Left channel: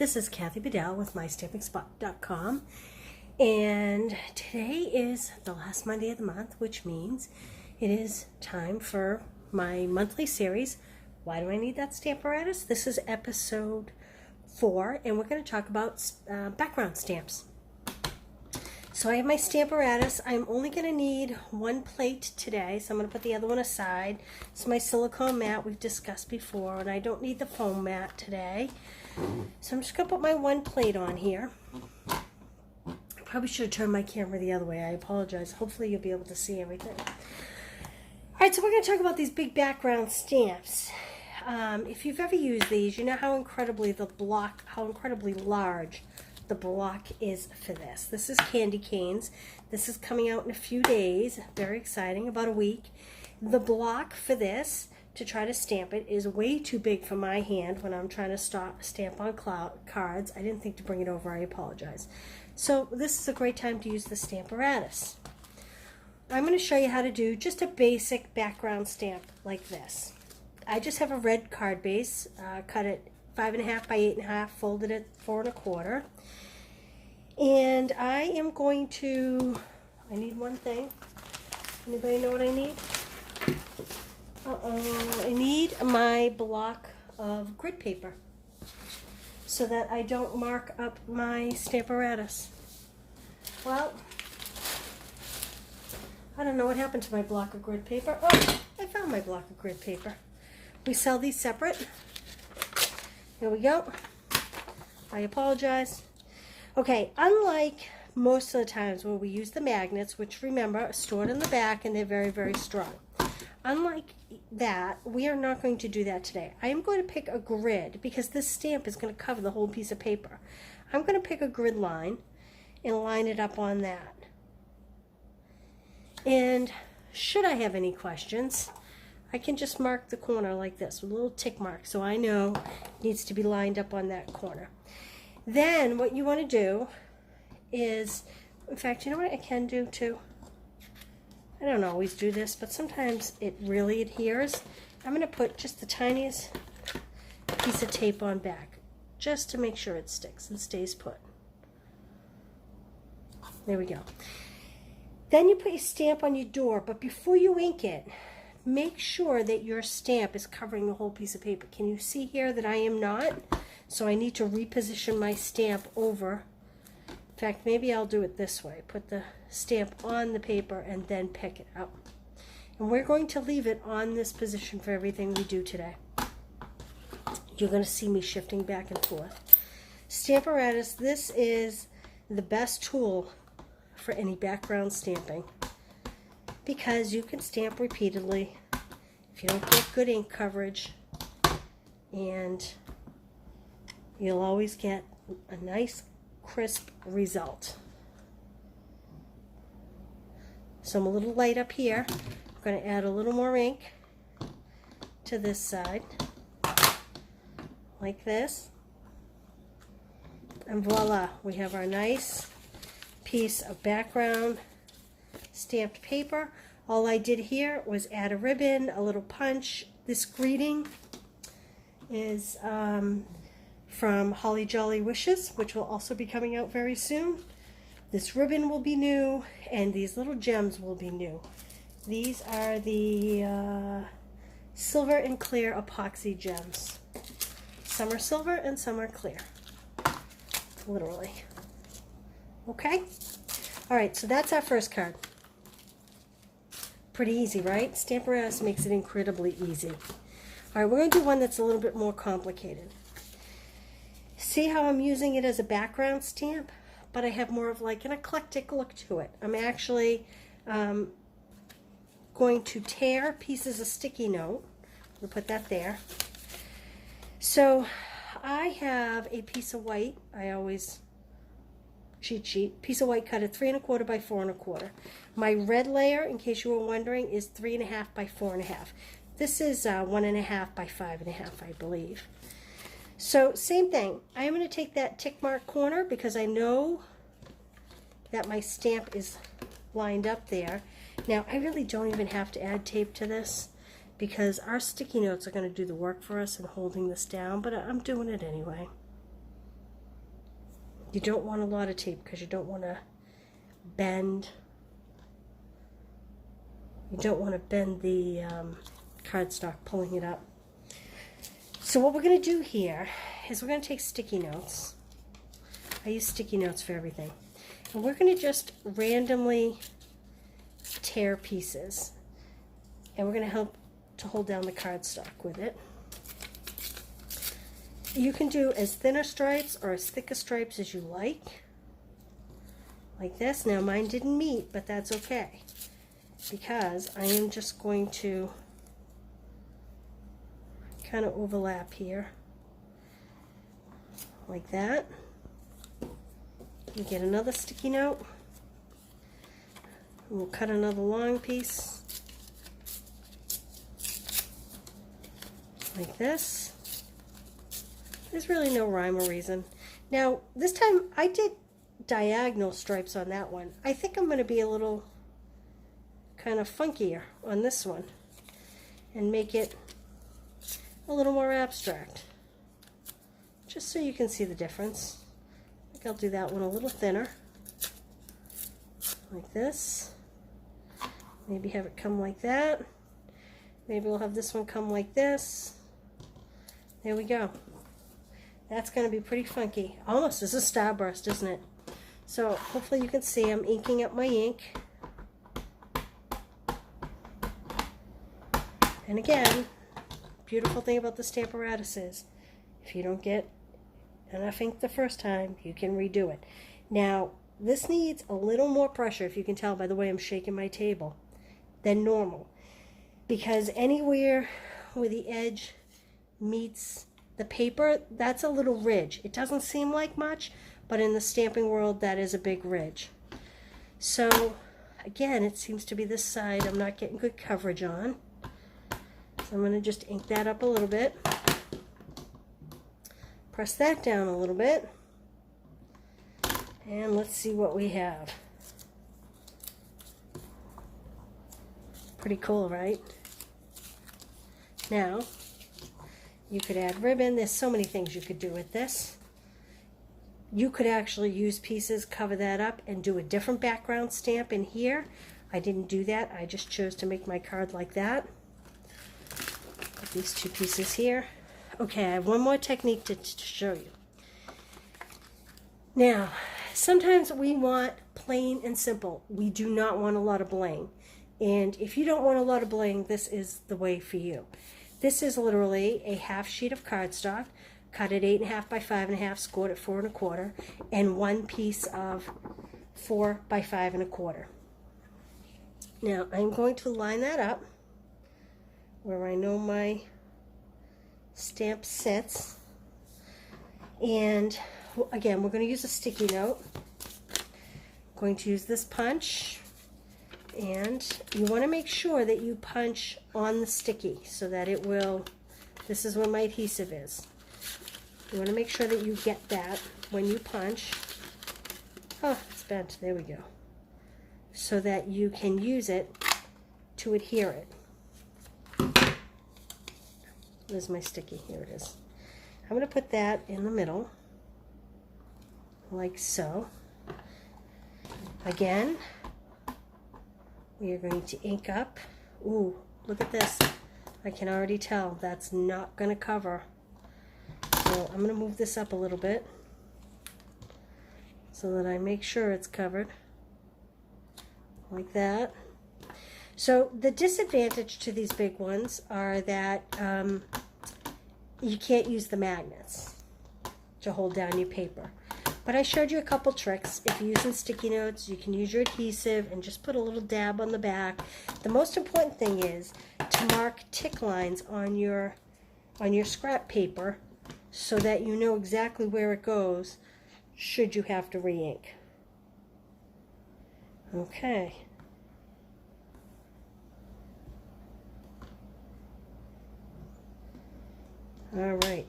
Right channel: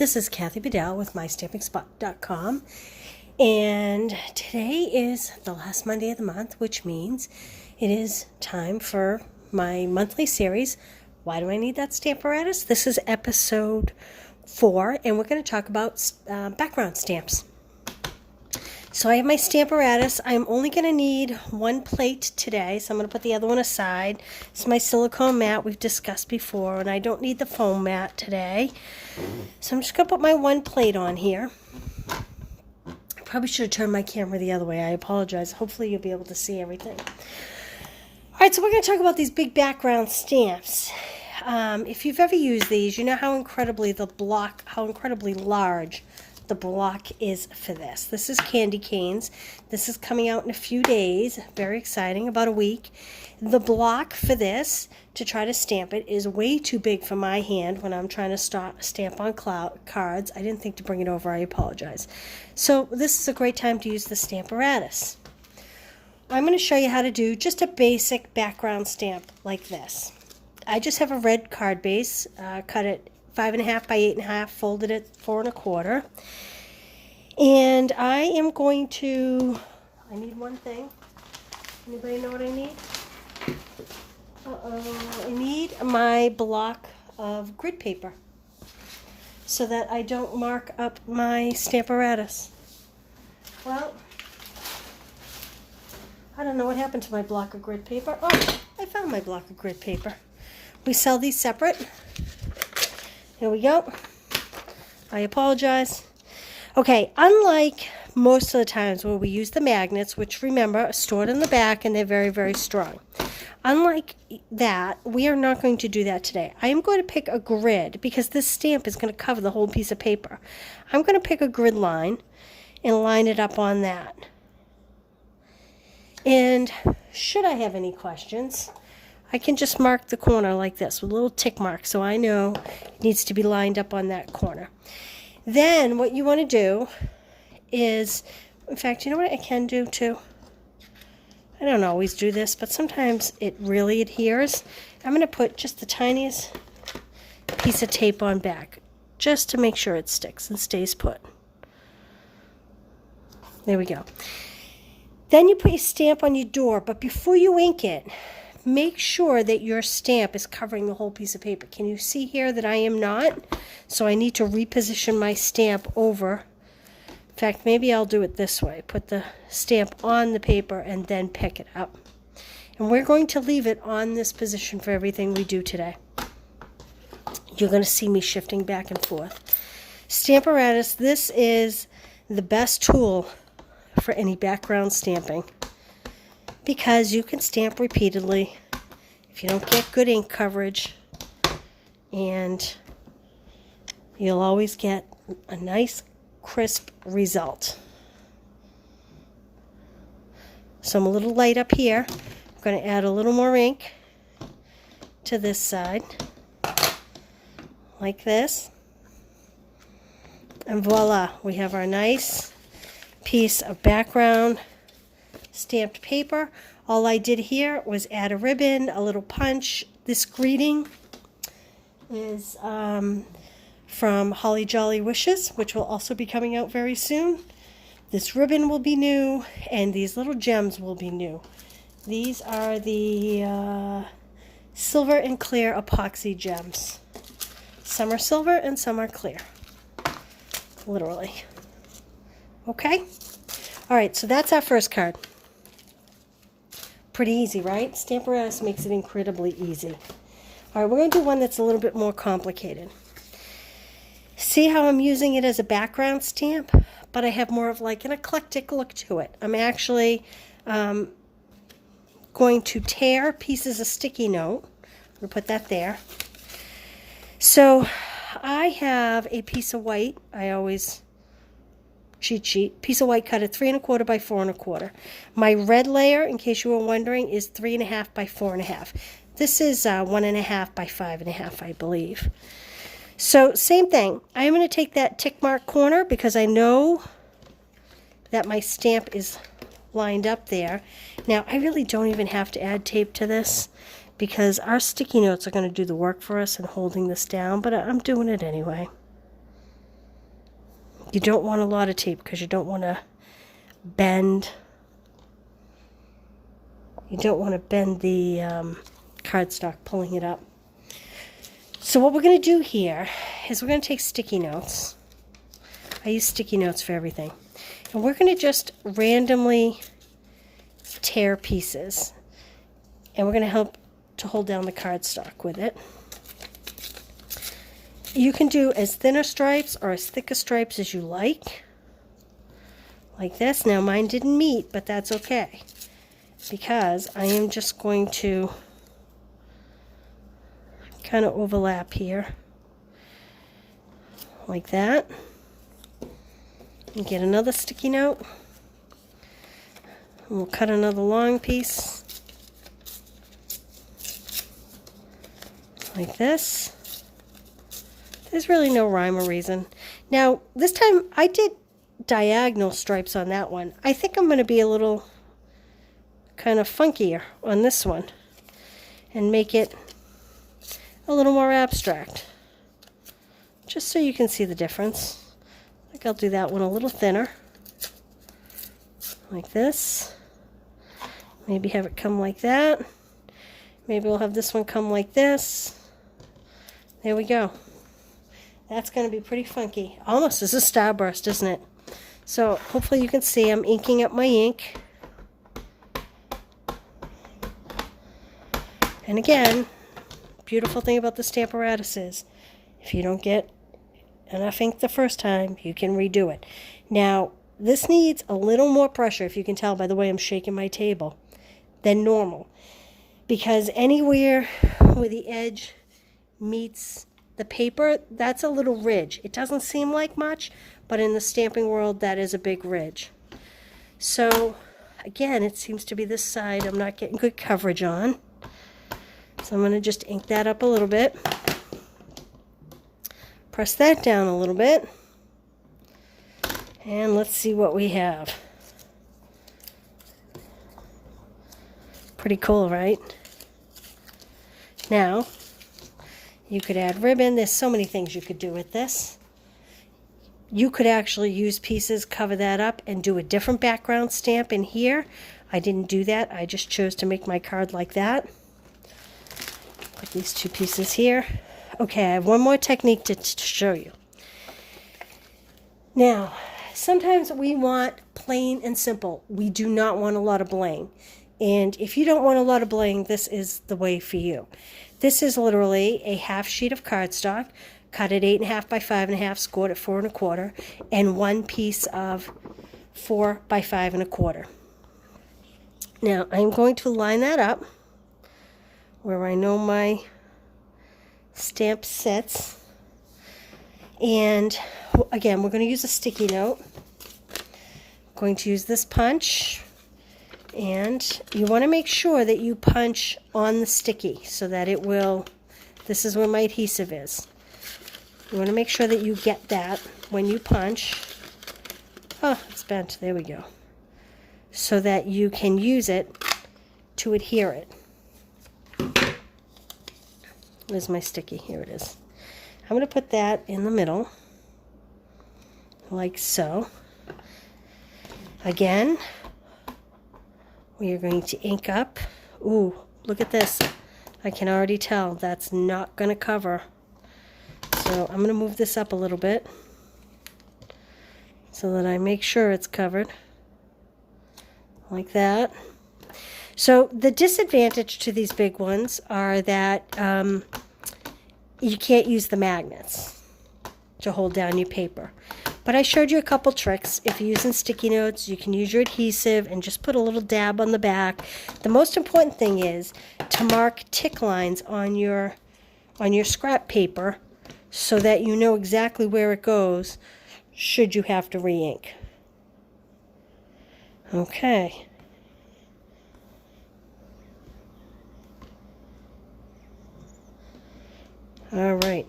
This is Kathy Bedell with MyStampingSpot.com, and today is the last Monday of the month, which means it is time for my monthly series, Why Do I Need That Stamparatus? This is episode 4, and we're going to talk about background stamps. So I have my Stamparatus. I'm only going to need one plate today, so I'm going to put the other one aside. It's my silicone mat we've discussed before, and I don't need the foam mat today. So I'm just going to put my one plate on here. I probably should have turned my camera the other way. I apologize. Hopefully you'll be able to see everything. All right, so we're going to talk about these big background stamps. If you've ever used these, you know how incredibly large the block is for this. This is candy canes. This is coming out in a few days. Very exciting, about a week. The block for this, to try to stamp it, is way too big for my hand when I'm trying to stamp on cards. I didn't think to bring it over. I apologize. So this is a great time to use the Stamparatus. I'm going to show you how to do just a basic background stamp like this. I just have a red card base, cut it 5.5 by 8.5, folded it 4 1/4, and I am going to, I need one thing. Anybody know what I need? I need my block of grid paper so that I don't mark up my Stamparatus. Well, I don't know what happened to my block of grid paper. Oh, I found my block of grid paper. We sell these separate. Here we go. I apologize. Okay, unlike most of the times where we use the magnets, which remember are stored in the back and they're very, very strong. Unlike that, we are not going to do that today. I am going to pick a grid because this stamp is going to cover the whole piece of paper. I'm going to pick a grid line and line it up on that. And should I have any questions, I can just mark the corner like this with a little tick mark so I know it needs to be lined up on that corner. Then what you want to do is, in fact, you know what I can do too? I don't always do this, but sometimes it really adheres. I'm going to put just the tiniest piece of tape on back just to make sure it sticks and stays put. There we go. Then you put your stamp on your door, but before you ink it, make sure that your stamp is covering the whole piece of paper. Can you see here that I am not? So I need to reposition my stamp over. In fact, maybe I'll do it this way. Put the stamp on the paper and then pick it up. And we're going to leave it on this position for everything we do today. You're going to see me shifting back and forth. Stamparatus, this is the best tool for any background stamping, because you can stamp repeatedly if you don't get good ink coverage, and you'll always get a nice crisp result. So I'm a little light up here. I'm going to add a little more ink to this side like this, and voila, we have our nice piece of background stamped paper. All I did here was add a ribbon, a little punch. This greeting is from Holly Jolly Wishes, which will also be coming out very soon. This ribbon will be new, and these little gems will be new. These are the silver and clear epoxy gems. Some are silver and some are clear, literally. Okay? All right, so that's our first card. Pretty easy, right? Stamparatus makes it incredibly easy. All right, we're going to do one that's a little bit more complicated. See how I'm using it as a background stamp, but I have more of like an eclectic look to it. I'm actually going to tear pieces of sticky note. We'll put that there. So I have a piece of white. I always cheat sheet, piece of white cut at 3 1/4 by 4 1/4. My red layer, in case you were wondering, is 3 1/2 by 4 1/2. This is 1 1/2 by 5 1/2, I believe. So same thing. I'm going to take that tick mark corner because I know that my stamp is lined up there. Now I really don't even have to add tape to this because our sticky notes are going to do the work for us in holding this down, but I'm doing it anyway. You don't want a lot of tape because you don't want to bend. You don't want to bend the cardstock pulling it up. So what we're going to do here is we're going to take sticky notes. I use sticky notes for everything. And we're going to just randomly tear pieces. And we're going to help to hold down the cardstock with it. You can do as thinner stripes or as thicker stripes as you like this. Now mine didn't meet, but that's okay, because I am just going to kind of overlap here like that, and get another sticky note, and we'll cut another long piece like this. There's really no rhyme or reason. Now, this time I did diagonal stripes on that one. I think I'm going to be a little kind of funkier on this one and make it a little more abstract, just so you can see the difference. I think I'll do that one a little thinner, like this. Maybe have it come like that. Maybe we'll have this one come like this. There we go. That's going to be pretty funky. Almost as a starburst, isn't it? So hopefully you can see I'm inking up my ink. And again, beautiful thing about the Stamparatus is if you don't get enough ink the first time, you can redo it. Now, this needs a little more pressure, if you can tell by the way I'm shaking my table, than normal. Because anywhere where the edge meets the paper, that's a little ridge. It doesn't seem like much, but in the stamping world, that is a big ridge. So again, it seems to be this side I'm not getting good coverage on. So I'm going to just ink that up a little bit. Press that down a little bit. And let's see what we have. Pretty cool, right? Now, you could add ribbon. There's so many things you could do with this. You could actually use pieces, cover that up, and do a different background stamp in here. I didn't do that. I just chose to make my card like that. Put these two pieces here. Okay, I have one more technique to show you. Now, sometimes we want plain and simple. We do not want a lot of bling. And if you don't want a lot of bling, this is the way for you. This is literally a half sheet of cardstock, cut at 8.5 by 5.5, scored at 4 1/4, and one piece of 4 by 5 1/4. Now I'm going to line that up where I know my stamp sits, and again we're going to use a sticky note. I'm going to use this punch. And you want to make sure that you punch on the sticky so that it will, this is where my adhesive is. You want to make sure that you get that when you punch. Oh, it's bent. There we go. So that you can use it to adhere it. Where's my sticky? Here it is. I'm going to put that in the middle, like so. Again, we are going to ink up. Ooh, look at this. I can already tell that's not going to cover. So I'm going to move this up a little bit so that I make sure it's covered. Like that. So the disadvantage to these big ones are that you can't use the magnets to hold down your paper. But I showed you a couple tricks. If you're using sticky notes, you can use your adhesive and just put a little dab on the back. The most important thing is to mark tick lines on your scrap paper so that you know exactly where it goes should you have to re-ink. Okay. All right.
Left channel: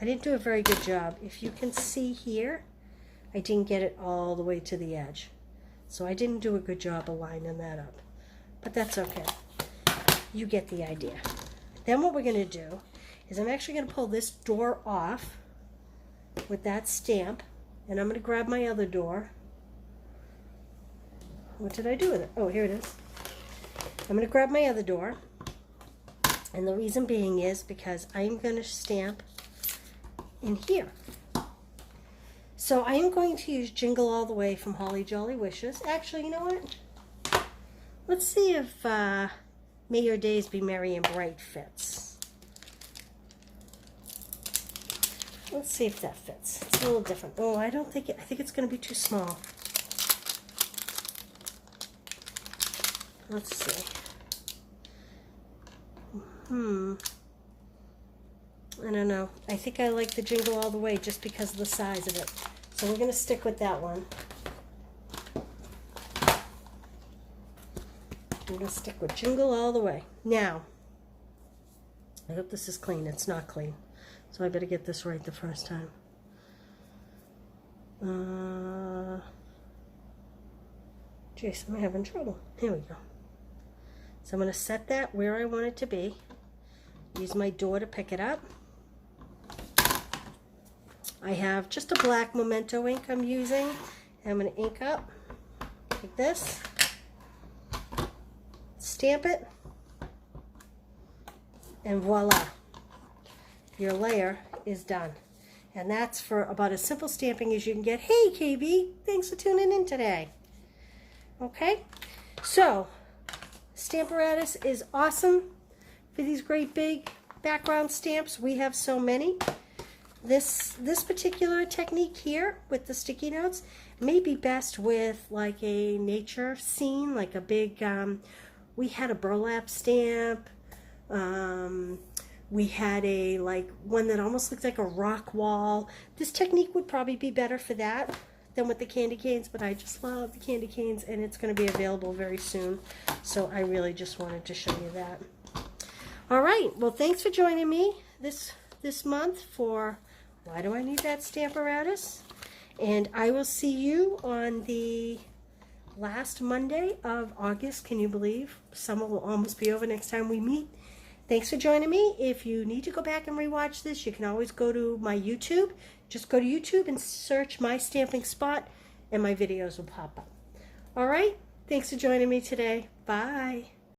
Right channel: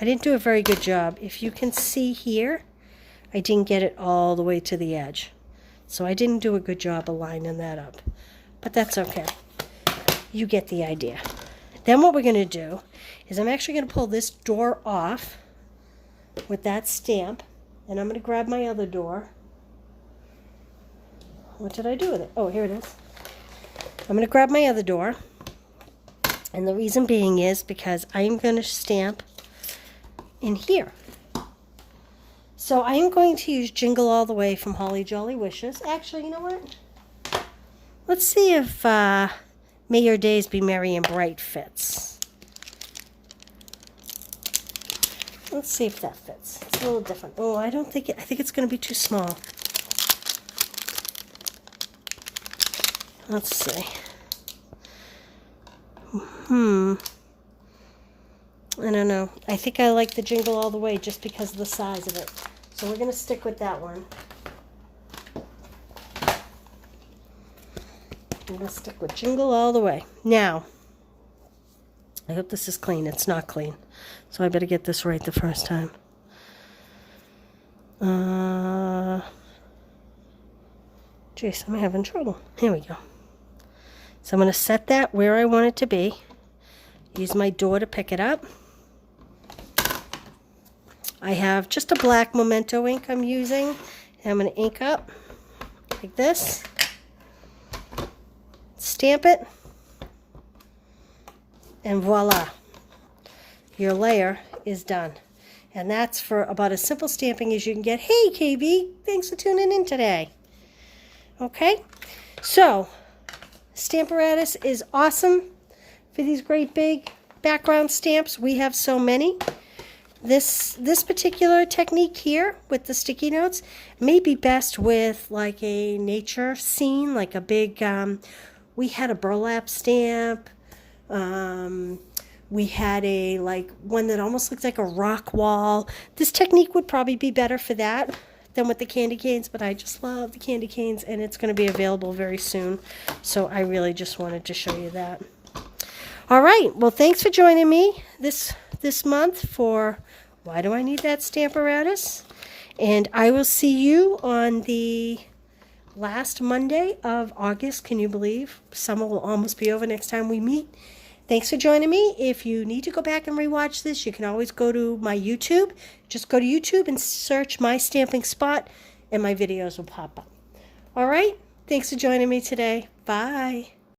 I didn't do a very good job. If you can see here, I didn't get it all the way to the edge. So I didn't do a good job of lining that up. But that's okay. You get the idea. Then what we're going to do is I'm actually going to pull this door off with that stamp. And I'm going to grab my other door. What did I do with it? Oh, here it is. I'm going to grab my other door. And the reason being is because I'm going to stamp in here. So I am going to use Jingle All the Way from Holly Jolly Wishes. Actually, you know what? Let's see if May Your Days Be Merry and Bright fits. Let's see if that fits. It's a little different. Oh, I don't think it, I think it's going to be too small. Let's see. I don't know. I think I like the Jingle All the Way just because of the size of it. So we're going to stick with that one. I'm going to stick with Jingle All the Way. Now, I hope this is clean. It's not clean. So I better get this right the first time. Jeez, I'm having trouble. Here we go. So I'm going to set that where I want it to be. Use my door to pick it up. I have just a black Memento ink I'm using. And I'm going to ink up like this. Stamp it. And voila. Your layer is done. And that's for about as simple stamping as you can get. Hey, KB, thanks for tuning in today. Okay, so Stamparatus is awesome for these great big background stamps. We have so many. This particular technique here with the sticky notes may be best with like a nature scene, like a big, we had a burlap stamp. We had a like one that almost looked like a rock wall. This technique would probably be better for that than with the candy canes, but I just love the candy canes and it's going to be available very soon. So I really just wanted to show you that. All right, well, thanks for joining me this month for Why Do I Need That Stamparatus? And I will see you on the last Monday of August. Can you believe? Summer will almost be over next time we meet. Thanks for joining me. If you need to go back and rewatch this, you can always go to my YouTube. Just go to YouTube and search My Stamping Spot, and my videos will pop up. All right? Thanks for joining me today. Bye.